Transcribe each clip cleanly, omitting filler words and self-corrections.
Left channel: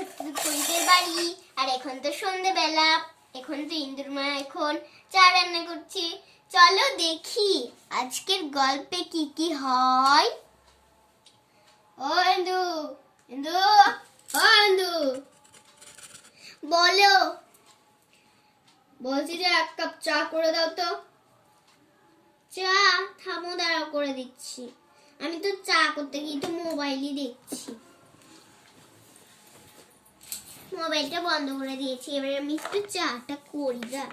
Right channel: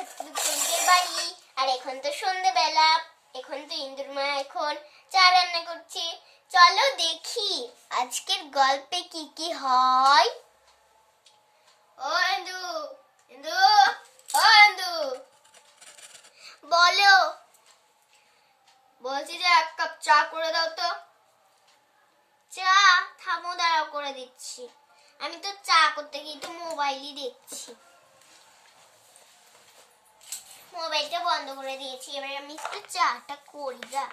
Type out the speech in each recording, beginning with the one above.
ছোট্ট পরিদের বাড়ি। আর এখন তো সন্ধ্যেবেলা, এখন তো ইন্দুর মা এখন চা রান্না করছে। চলো দেখি আজকের গল্পে কি কি হয়। ও ইন্দু, ইন্দু, ও ইন্দু, বলো। বলছি যে এক কাপ চা করে দাও তো। চা? থামো, দাঁড়াও, করে দিচ্ছি। আমি তো চা করতে গিয়ে তো মোবাইলই দেখছি। মোবাইলটা বন্ধ করে দিয়েছি, এবার আমি একটু চাটা করি। যা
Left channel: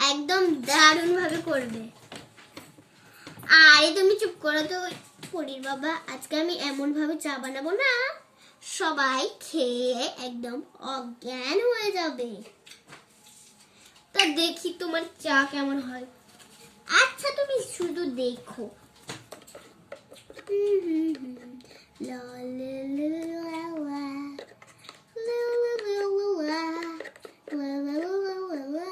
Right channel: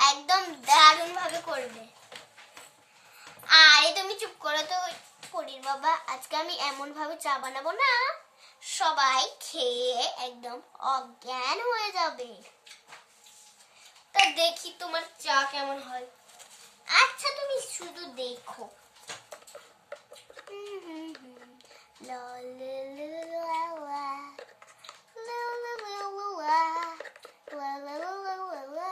একদম দারুণ ভাবে করবে। আরে তুমি চুপ করো তো পরির বাবা, আজকে আমি এমন ভাবে চা বানাবো না সবাই খেয়ে একদম অজ্ঞান হয়ে যাবে। তা দেখি তোমার চা কেমন হয়। আচ্ছা তুমি শুধু দেখো। লা লা লা লা লা, লা লা লা লা, লা লা লা লা লা।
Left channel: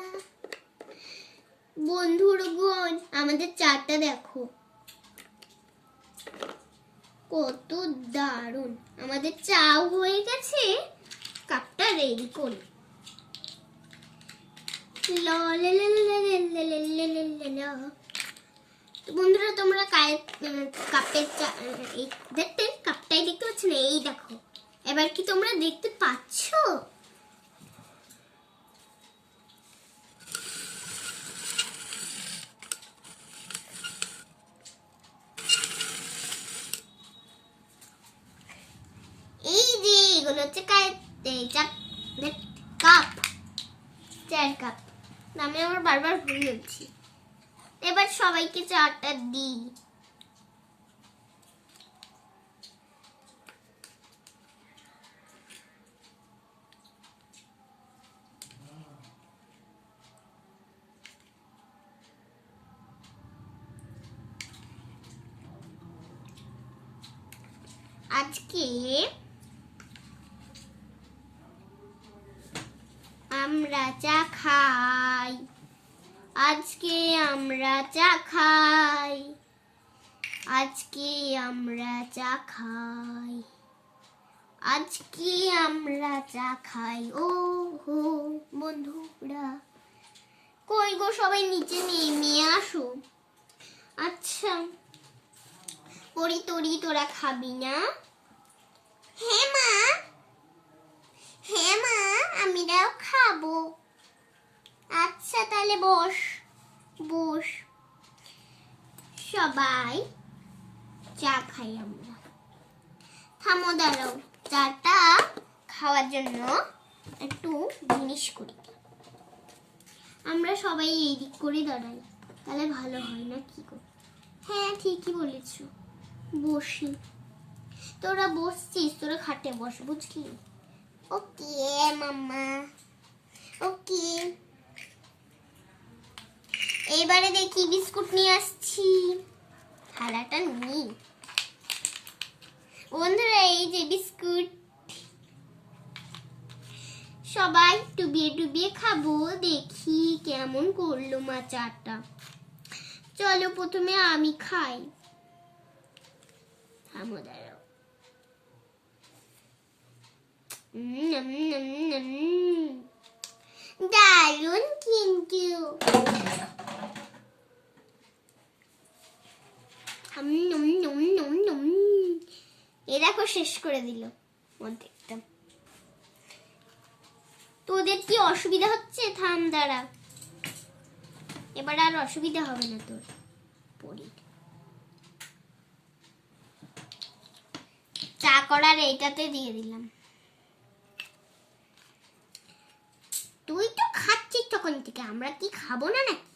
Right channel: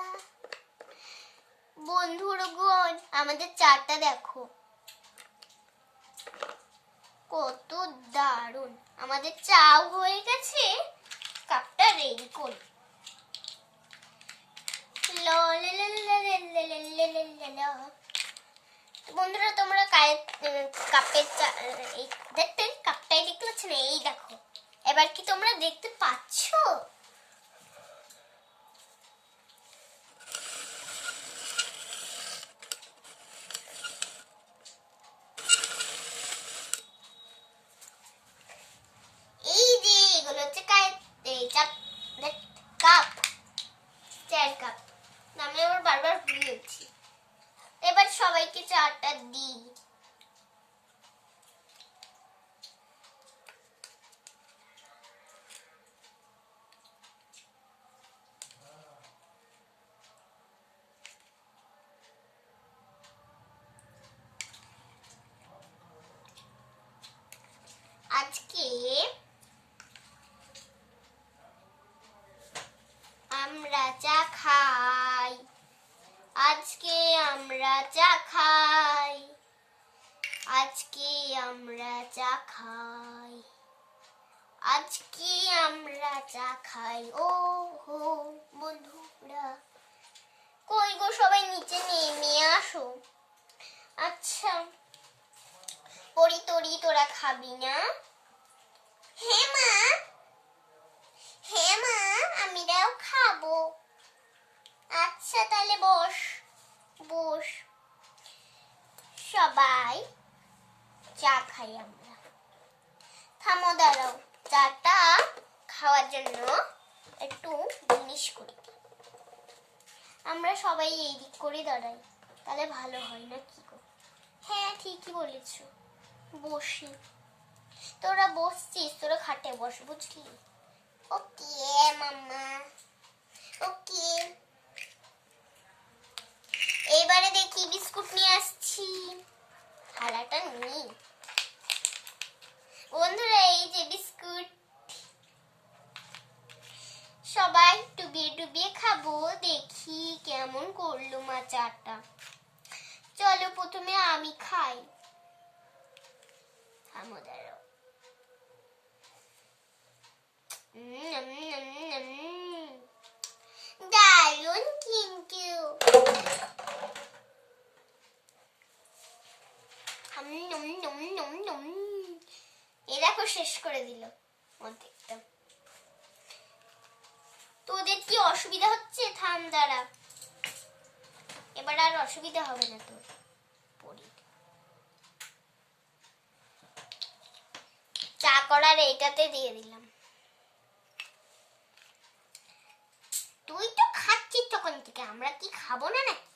বন্ধুগণ, আমাদের চাটা দেখো কত দারুণ। আমাদের চাও হয়ে গেছে, কাপটা রেডি করি। লা লা লা লা লা লা লা লা লা। বন্ধুরা তোমরা কাপের চা এই দেখতে, কাপটাই দেখতে পাচ্ছ না? এই দেখো, এবার কি তোমরা দেখতে পাচ্ছ? এই যে এগুলো হচ্ছে কাপ, চায়ের কাপ। আমি আবার বারবার ভুলে যাচ্ছি। এবার সবাইকে চাটা দিই। আজকে আমরা চা খাই, আজকে আমরা চা খাই, আজকে আমরা চা খাই, আজকে আমরা চা খাই। ও হো বন্ধুরা, কই গো সবাই নিচে নেমে আসো। আচ্ছা পরি তরি তোরা খাবি না? হ্যাঁ মা, হ্যাঁ মা, আমিরাও খাবো। আচ্ছা তাহলে বস বস, সবাই চা খাই আমরা। থামো, দাঁড়াও, চাটা খাওয়ার জন্য একটু জিনিস করি। আমরা সবাই এই দিক করে দাঁড়াই, তাহলে ভালো হয় না কি গো? হ্যাঁ ঠিকই বলেছ, বসি। তোরা বসছিস, তোরা খাটে বস, বুঝলি? ওকে মাম্মা, ওকে। এবারে দেখি বিস্কুট নিয়ে আসছি, থালাটা নেই। বন্ধুরা এই যে বিস্কুট, সবাই ডুবিয়ে ডুবিয়ে খাবো। দেখি কেমন করলো মা চাটা। চলো প্রথমে আমি খাই। থামো, দাঁড়াও। দারুণ কিন্তু। এ দেখো শেষ করে দিল অর্ধেকটা। তোদের কি অসুবিধা হচ্ছে? থাম, দাঁড়া, এবার আর অসুবিধা হবে না তোর। পড়ি চা করার এইটাতে দিয়ে দিলাম। তুই তো খাচ্ছিস তখন থেকে, আমরা কি খাবো না নাকি?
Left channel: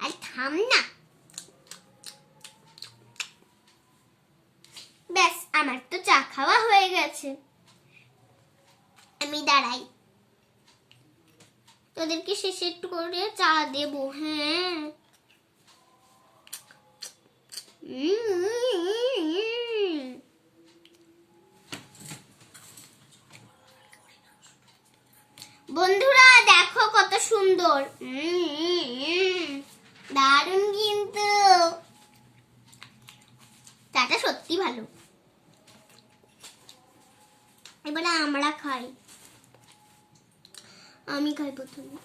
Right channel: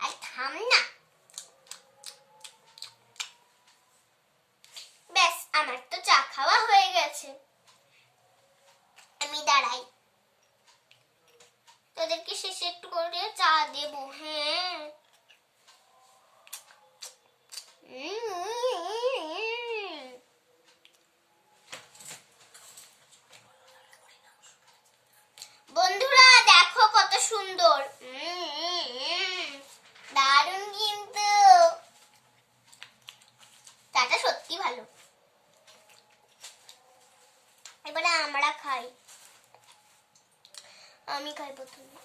আর থাম না। ব্যাস, আমার তো চা খাওয়া হয়ে গেছে। আমি দাঁড়াই, তোদেরকে শেষে একটু করে চা দেবো। হ্যাঁ বন্ধুরা দেখো কত সুন্দর, দারুণ কিন্তু। চাটা সত্যি ভালো। এবারে আমরা খাই। আমি খাই প্রথমে।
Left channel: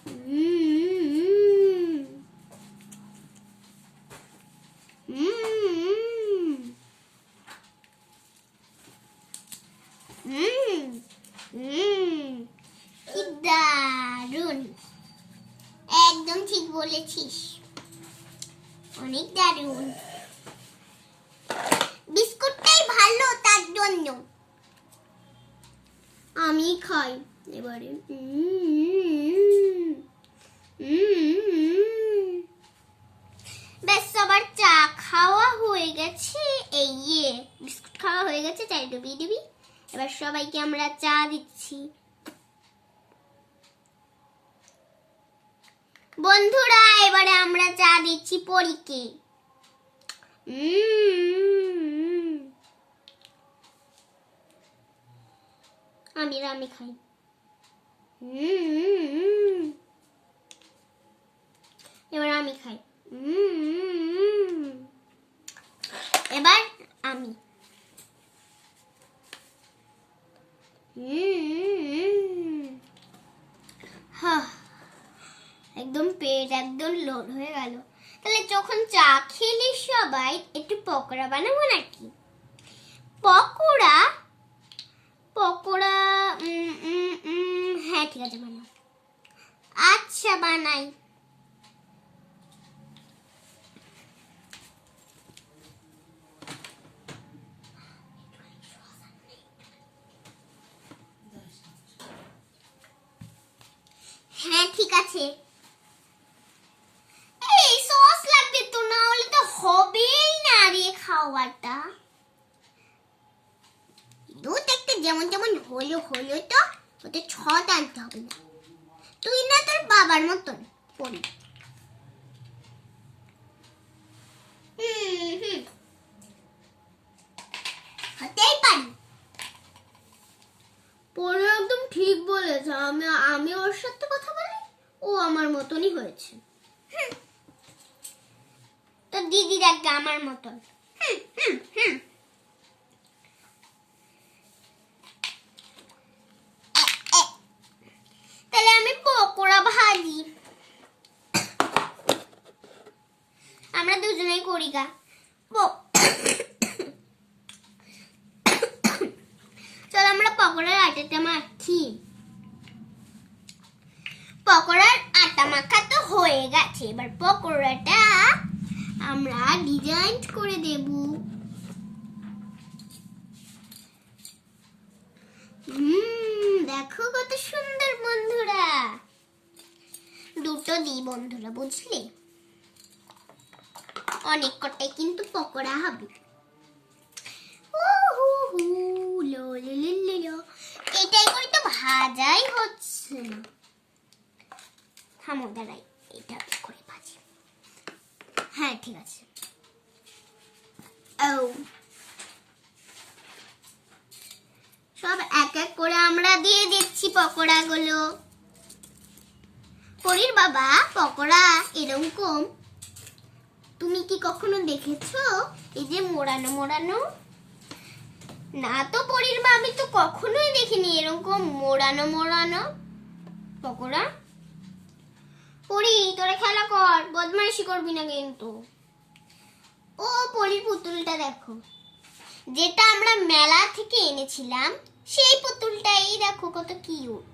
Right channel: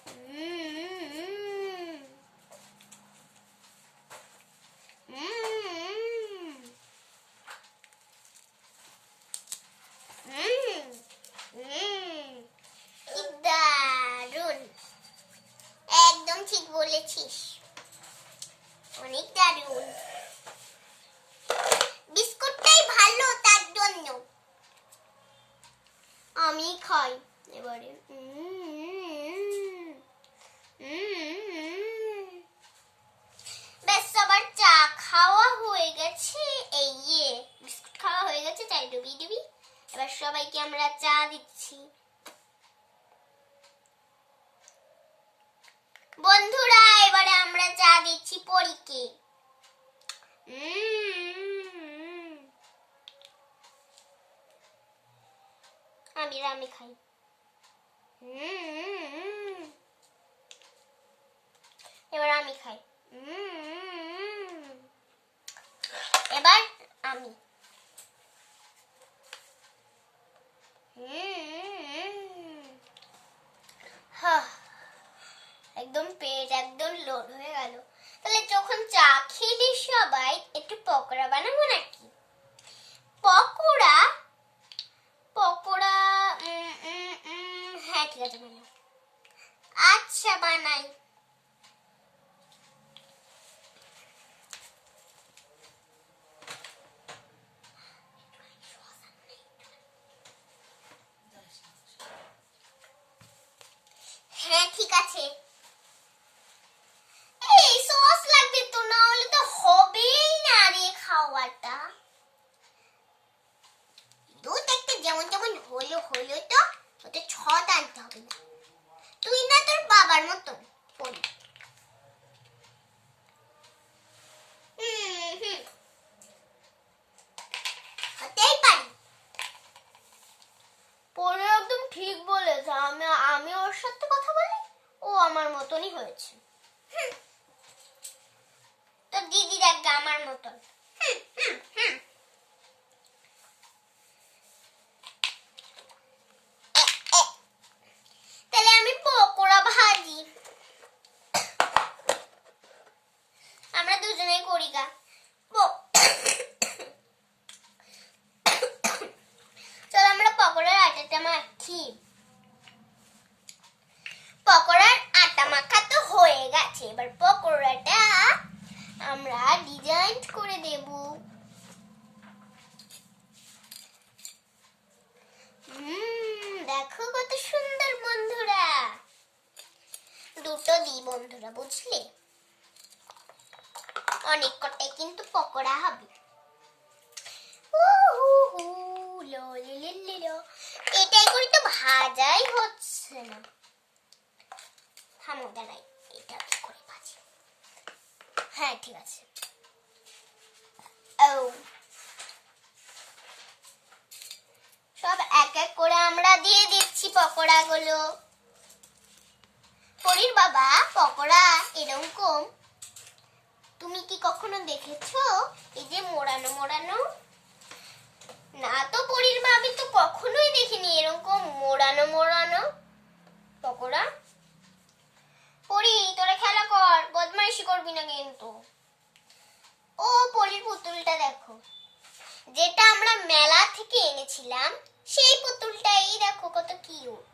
কি দারুন, একদম ঠিক বলেছিস, অনেক দারুন। বিস্কুটটাই ভালো, তার জন্য আমি খাই এবারে। বেশ, সবার চা খাওয়া হয়ে গেছে। এই বিস্কুট খাওয়া হয়ে গেছে, চাই ডুবিয়ে দিবি। এবার সবাইকে আমরা চা দিচ্ছি। বন্ধুরা, এবারে আমরা চা দিচ্ছি পরীকে। আমি খাই। এবার আমি খাই। এবার আমি। একদম পেট একদম লোড হয়ে গেল। তাহলে যখন চা খেলে সবাই একটু পকোড়া বানাবো নাকি? পকোড়া পকোড়া হ্যাঁ ঠিক আছে, বানাও। আচ্ছা, বানাই। হ্যাঁ ঠিক আছে। এই সস লাগবে তো, না হলে তো হবেই না রে খাওয়াটা। দুধ একটা যেমন যেমন হলো তো ওতে ছটা আনতে হবে না। তুই না তোর বাবার মতন পড়ি। হতেই পারি। পরে একদম ঠিক বলেছে। আমি ওর সাথে কথা বলি, ও আমার মতনই হয়েছে। তো দিদি দেখ আমার মতন। তাহলে আমি পকোড়া ভাজি। আমরা দুজনেই করি গা। চল আমরা পকোড়ার আটাটা মাখি। পকোড়ার আটা মাখা তো হয়ে গেছে। এবার পকোড়াটা আমরা ডিজাইন করে দেব। দেখো কত সুন্দর বন্ধুরা। দুটো দিই বন্ধুরা, বুঝলে? অনেক কটাই কিন্তু পকোড়া হবে। এটাই করে তো ভাজাই হচ্ছে না। থামো, দাঁড়াই, এটা করে ভাজি। হ্যাঁ ঠিক আছে। সব এক এক করে আমরা দিয়ে দিচ্ছি পকোড়া গুলো। পরীর বাবা, পকোড়া এরকম তুমি কি কখনো দেখেছো? এই যে মোড়ানো মোড়ানো। না তো পরীর বাবা, তো কখনোই দেখিনি এরকম মোড়ানো মোড়ানো পকোড়া। পরী, তোরা খেলা কর, বদমাইশি করবি না কিন্তু। ও পরীর পুতুলটা দেখো, যেটা আমরা মেলা থেকে এনেছিলাম, সেই পুতুলটাই দেখো কত কিউট।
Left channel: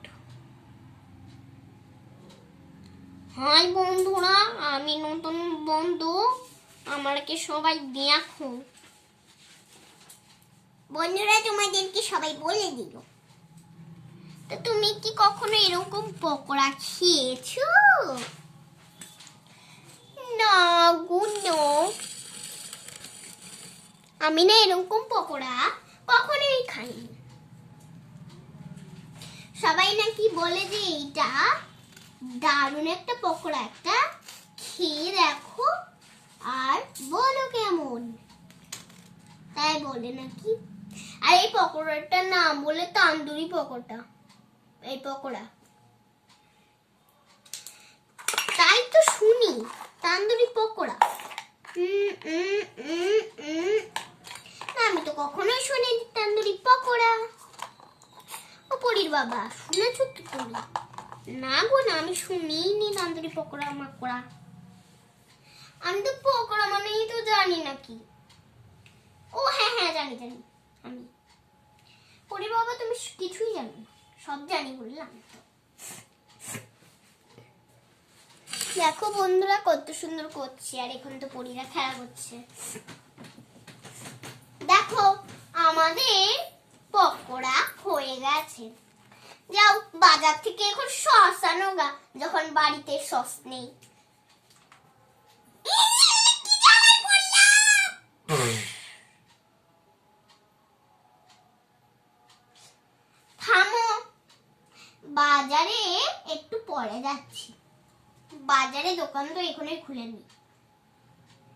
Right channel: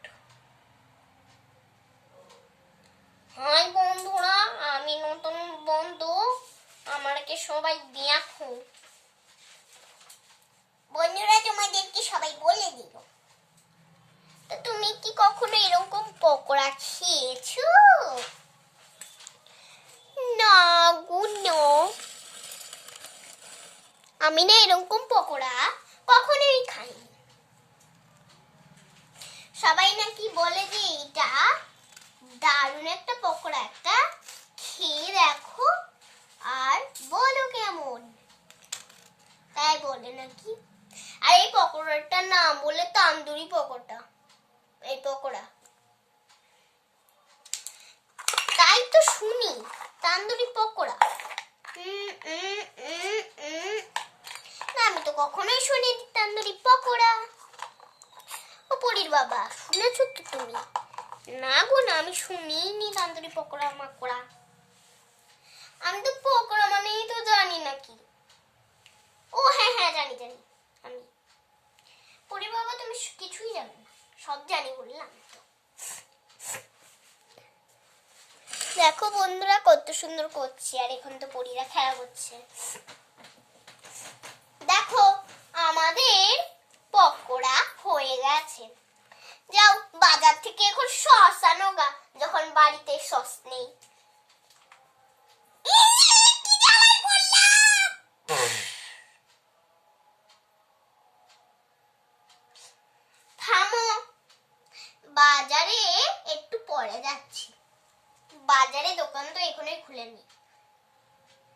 হাই বন্ধুরা, আমি নতুন বন্ধু, আমাকে সবাই দেখো। বন্ধুরা, তোমাদেরকে সবাই বলে দিল। তো তুমি কি কখনো এরকম পকোড়া খেয়েছো? না গুনো, আমি না এরকম পকোড়া কখনোই খাইনি। সবাই নাকি বলে যে এটা দারুণ একটা পকোড়া, একটা খেয়ে দেখো আর বলো কেমন, তাই বলে নাকি। আর এই পকোড়াটার নাম বলে তান্দুরি পকোড়া। এই পকোড়া তাই তো শুনি, তান্দুরি পকোড়া। না, আমি তো কখনোই শুনি তান্দুরি পকোড়া। পরির বাবা, শুনেছো তো তুমি? না গো না, আমি শুনিনি তন্দুরি পকোড়া মাকোড়া। আমি তো পকোড়া মানেই তো জানি নাকি। ও হ্যাঁ হ্যাঁ জানি জানি আমি। পরি বাবা তুমি কিছুই জানো না, সব জানি বললাম তো। দেখো বন্ধুরা কত সুন্দর করছে, আর এখন তো পরীরা খেলা করছে। দেখো আমাদের পকোড়া হয়ে গেছে। যাও বাজার থেকে এখন সস আনো গা, যখন বাড়িতে সস নেই। থামো, বাজারে একটু পরে যাচ্ছি। বাজারে দোকান তো এখনই খুলেনি।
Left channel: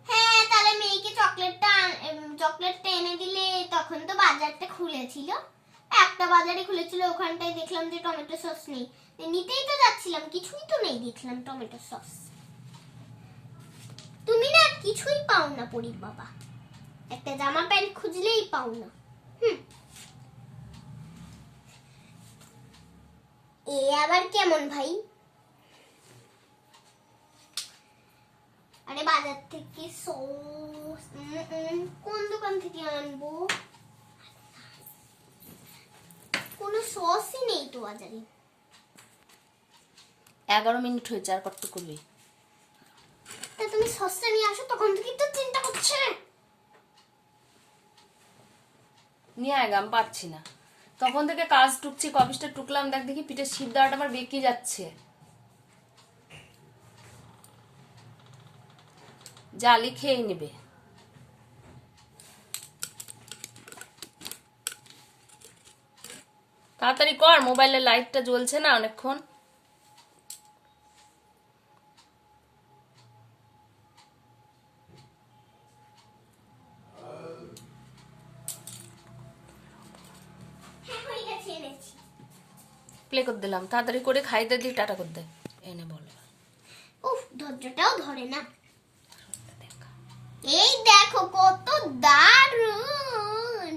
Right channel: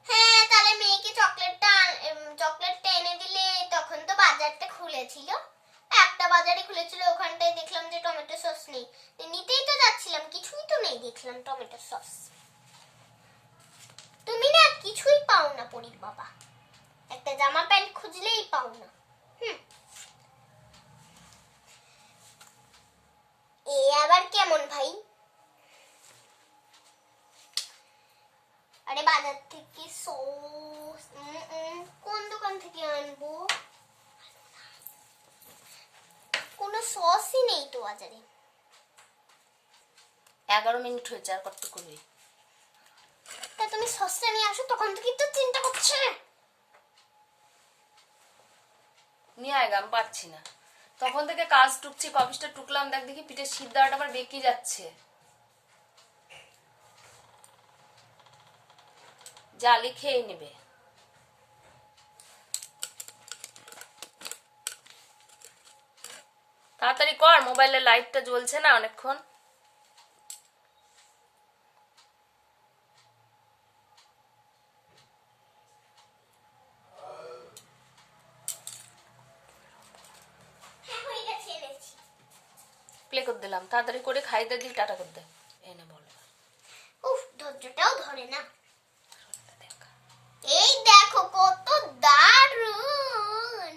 হ্যাঁ তাহলে মেয়েকে চকলেটটা এনে দিলে, তখন তো বাজারটা খুলেছিল। একটা বাজারে খুলেছিল, ওখানটায় দেখলাম যে টমেটো সস নেই। নিতেই তো যাচ্ছিলাম, কিছুই তো নেই দেখলাম টমেটো সস। তুমি না কিছুই পাও না পরীর বাবা, একটা জামা প্যান্ট খুঁজলেই পাও না। এ আবার কেমন ভাই? আরে বাজার থেকে সস কোন দোকান থেকে আনবো? কোনো সসই নেই তো বাজারে। 11 মিনিট হয়েছে, আর কত করবি? তা তুমি সসটা নিয়ে আসো, তখন থেকে তো চিন্তা করছে। নিয়ে আয়গা, আমি পারছি না। তখন থেকে কাজ টুকছি, কফিসটা টুকলাম, দেখ দেখি পিঠের সিদ্ধাটা আমার বেঁকে যাচ্ছে। জালি খেয়ে নেবে। তাড়াতাড়ি কর, মোবাইলের লাইটটা জ্বলছে না অনেকক্ষণ। প্লে করে দিলাম, তাড়াতাড়ি করে খাইতে দিই, টাটা করে দে। এনে বলো। উফ ধৈর্যটাও ধরে না। এই দেখো কত দারুণ।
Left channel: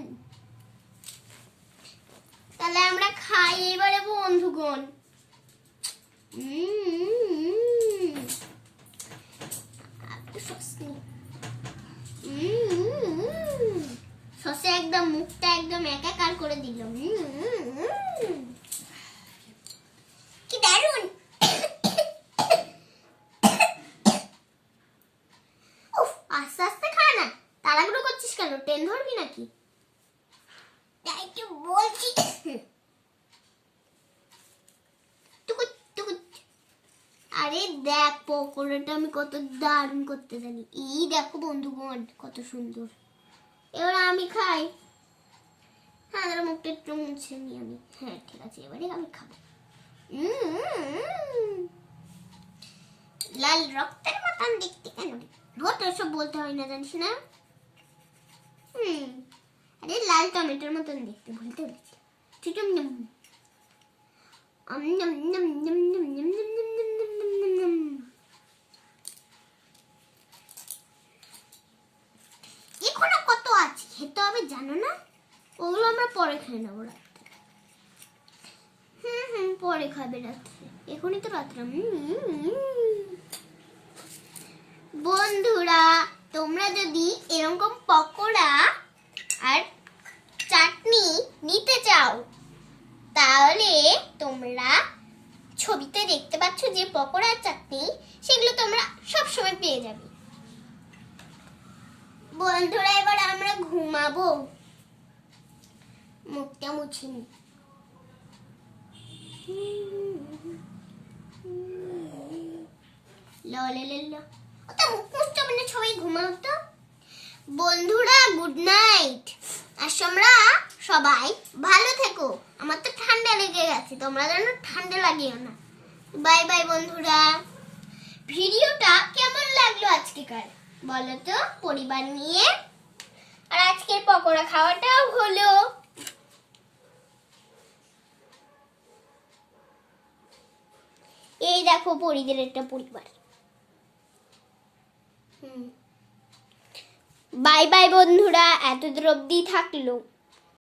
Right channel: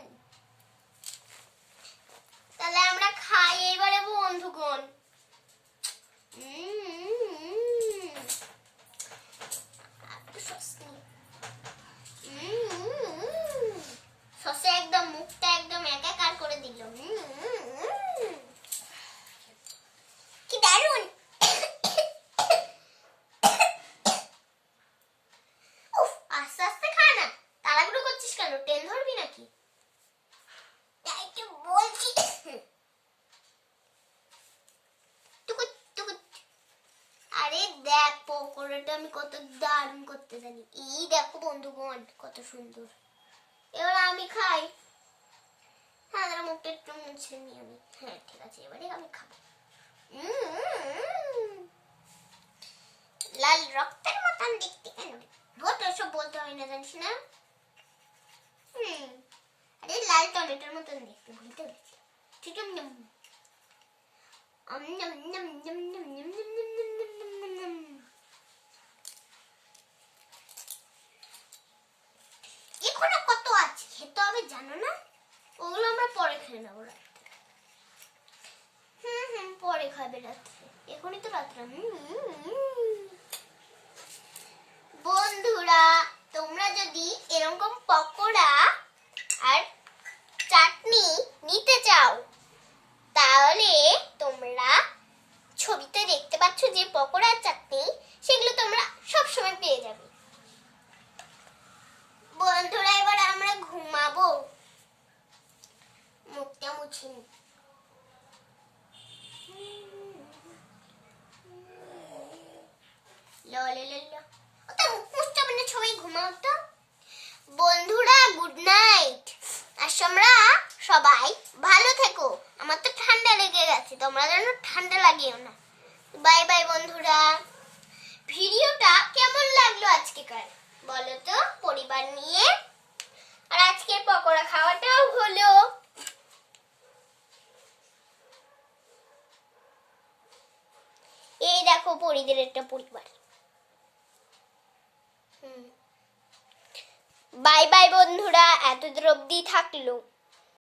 তাহলে আমরা খাই এবারে বন্ধুগণ। সসে একদম মুখটা একদম একাকার করে দিল। কি দারুণ। উফ আস্তে আস্তে খা না, তাড়াহুড়ো করছিস কেন? ট্রেন ধরবি নাকি? তাই কি বলছি। আরে দেখ পকোড়াটা আমি কত দারুণ করতে জানি। এই দেখো বন্ধুগণ কত সুন্দর। এবার আমি খাই। হ্যাঁ মুখটা একটু মুছে নি আমি। হ্যাঁ ঠিক আছে, এবারে আমি খাবো। লাল রক্তের মতন দেখতে কেন? ভোট এসব বলতে হয় না জানিস না। আরে লাল টমেটোর মতন দেখতে, ভুলতে দেখতে। ঠিক আছে। এখনো কত আছে খেতে হবে জানো না? ওগুলো আমরা পরে খেয়ে নেবো রাত্রে। পরে খাবে রাত্রে, এখনই তো রাত্রে। বন্ধুরা তোমরা যদি এরকম পকোড়া আর চাটনি নিতে চাও, তাহলে তোমরা ছবিতে দেখতে পাচ্ছ যে পকোড়া আর চাটনি, সেগুলো তোমরা সবসময় পেয়ে যাবে। বন্ধুরা এবার আমরা ঘুমাবো। মুখটা মুছে নি। সবাই ঘুমাও তো। বন্ধুরা গুড নাইট। আর তোমরা সবাই ভালো থেকো। আমার তো ঠান্ডা লেগে গেছে, তোমরা যেন ঠান্ডা লাগিও না। বাই বাই বন্ধুরা। ভিডিওটা কেমন লাগলো আজকেকার বলো তো, পরিবার নিয়ে। আর আজকের পকোড়া খাওয়াটাও হলো। এই দেখো পরিদের একটা পরিবার। বাই বাই বন্ধুরা, এত দূর অব্দি থাকলো।